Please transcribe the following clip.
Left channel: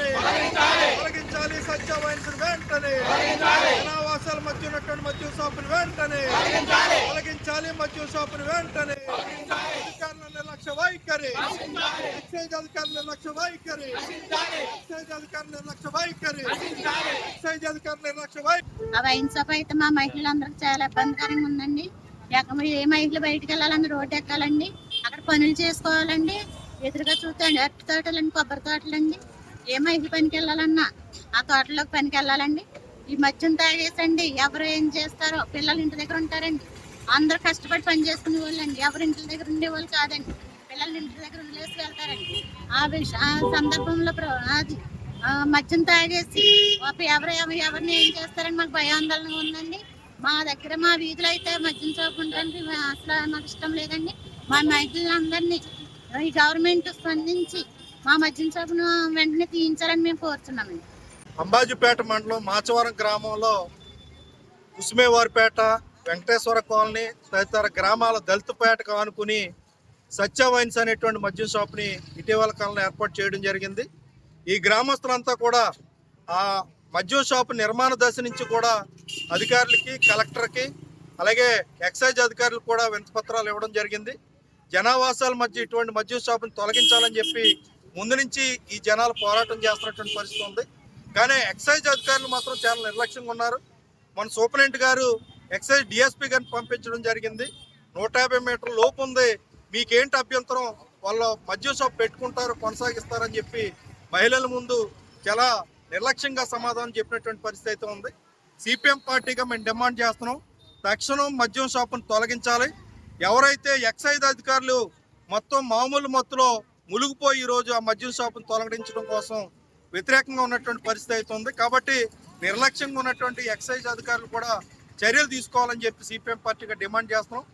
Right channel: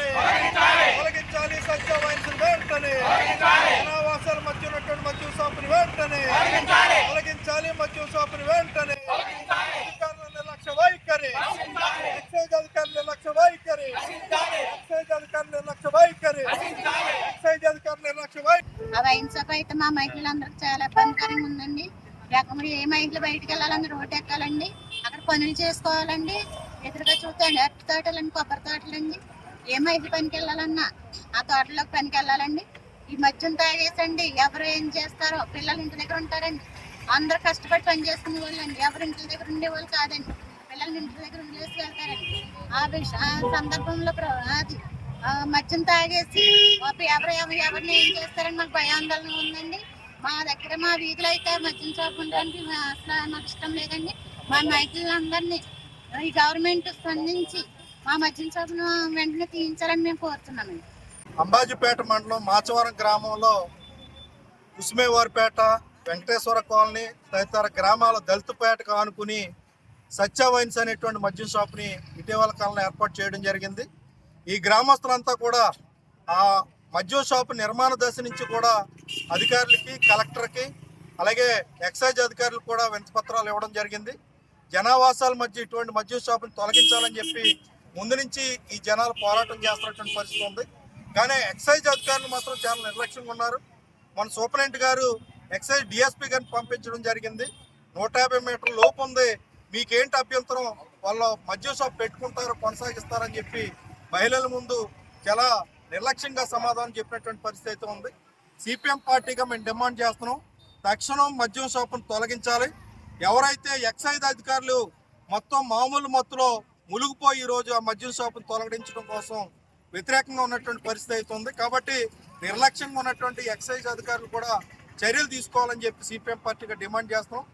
వెంటనే తొలగించాలి. సత్య వైన్స్ వెంటనే జనావాసాల మధ్య ఉన్నటువంటి మద్యం షాపుని వెంటనే తొలగించాలి. మద్యం షాపుని వెంటనే అధికారుల నిర్లక్ష్య వైఖరి, ఎక్సైజ్ అధికారుల నిర్లక్ష్య వైఖరి, ఎక్సైజ్ అధికారుల నిర్లక్ష్య వైఖరి, ఎక్సైజ్ అధికారుల నిర్లక్ష్య వైఖరి. ఆ వైన్ షాప్ అయితే మా మహిళలందరికీ చాలా ఇబ్బందికరంగా ఉందండి. ఏ మహిళలు బయటకు వెళ్ళాలని రోడ్డు ఎక్కాలండి, అక్కడ పనులు చేసుకోవాలండి. ఎదురుగా చూస్తే అరటి తోటలండి, కొబ్బరి తోటలండి. ఏ మహిళ పనికి వెళ్ళాలన్నా ఆ తోటలోకి పనికి వెళ్ళాలండి. ఈ మద్యం తాగేసండి ఎవరు ఏం చేస్తారో, పిల్లలు ఇంటి దగ్గర ఉంటారండి. అందరూ కష్టపడి పని చేసుకునే వాళ్ళండి, ఎవరు ఇంటి దగ్గర ఉండేవాళ్ళు కాదండి. పిల్లలు ఇంటి దగ్గర వదిలేసి వెళ్తారండి. ఆ సందర్భంలో అది మద్యం తాగేసి ఎవరిని ఏం చేస్తారని మాకు భయాందోళన ఉందండి. మా దగ్గర మా వీధిలో అయితే మద్యం షాప్ ఉండడానికి అసలు మాకు ఇష్టం లేదండి. మా మహిళలందరినీ ఈ గవర్నమెంట్ స్పందించి మా మద్యం షాపును వెంటనే తీయించాలని మేము కోరుతున్నామండి. అంబాజీపేట మండలం మాచవరం గ్రామంలో కుసుమేవారిపేట, వెంకటేశ్వర కాలనీ తదితర గ్రామాల దళితపేటకు ఆనుకుని సత్య వైన్స్ అనేటువంటి మద్యం షాప్ని ఇటీవల కాలంలో ఏర్పాటు చేయడం జరిగింది. ఈ గ్రామస్తులంతా కూడా ఆ మద్యం షాపు నిర్మాణ దశ నుంచి కూడా అధికారులకి, కలెక్టర్కి, అలాగే ఎక్సైజ్ అధికారులకు కూడా వినతిపత్రాలు ఇవ్వడం జరిగింది. జనావాసాల మధ్య ఇటువంటి మద్యం షాపుని తొలగించాలని చెప్పి ముందు నుంచి ఈ జనాలు పోరాటం చేస్తున్నటువంటి పరిస్థితి ఉంది. కానీ ఎక్సైజ్ అధికారులు మాత్రం చాలా నిర్లక్ష్యంగా ఉన్నారు. మన సూపరింటెండెంట్ గారు ఎక్సైజ్ డిఎస్పీ గారిని పంపించడం జరిగింది. 150 మీటర్ల లోపు ఉంది, మీకేంటి అభ్యంతరం, వాళ్ళు మద్యం షాప్ పెట్టుకుంటారు, కొనసాగిస్తారని చెప్పి మహిళల ముందు చాలా నిర్లక్ష్యంగా సమాధానం చెప్పినటువంటి పరిస్థితి అయితే ఉంది. సిపిఎం పార్టీగా మేము డిమాండ్ చేస్తున్నాం, తక్షణం మద్యం షాపును తొలగించాలి. ఎవరైతే ఎక్సైజ్ అధికారులు మొత్తం మామూలు మత్తులో మునిగిపోయి ఈరోజు ఆ మద్యం షాపును తొలగించడం కోసం వ్యతిరేకంగా ఉన్నటువంటి పరిస్థితి అయితే ఉంది. కాబట్టి నిర్లక్ష్యంగా ఉన్నటువంటి ఎక్సైజ్ అధికారులు కూడా చర్యలు తీసుకోవాలని చెప్పి సిపిఎం పార్టీగా డిమాండ్ చేస్తున్నాం.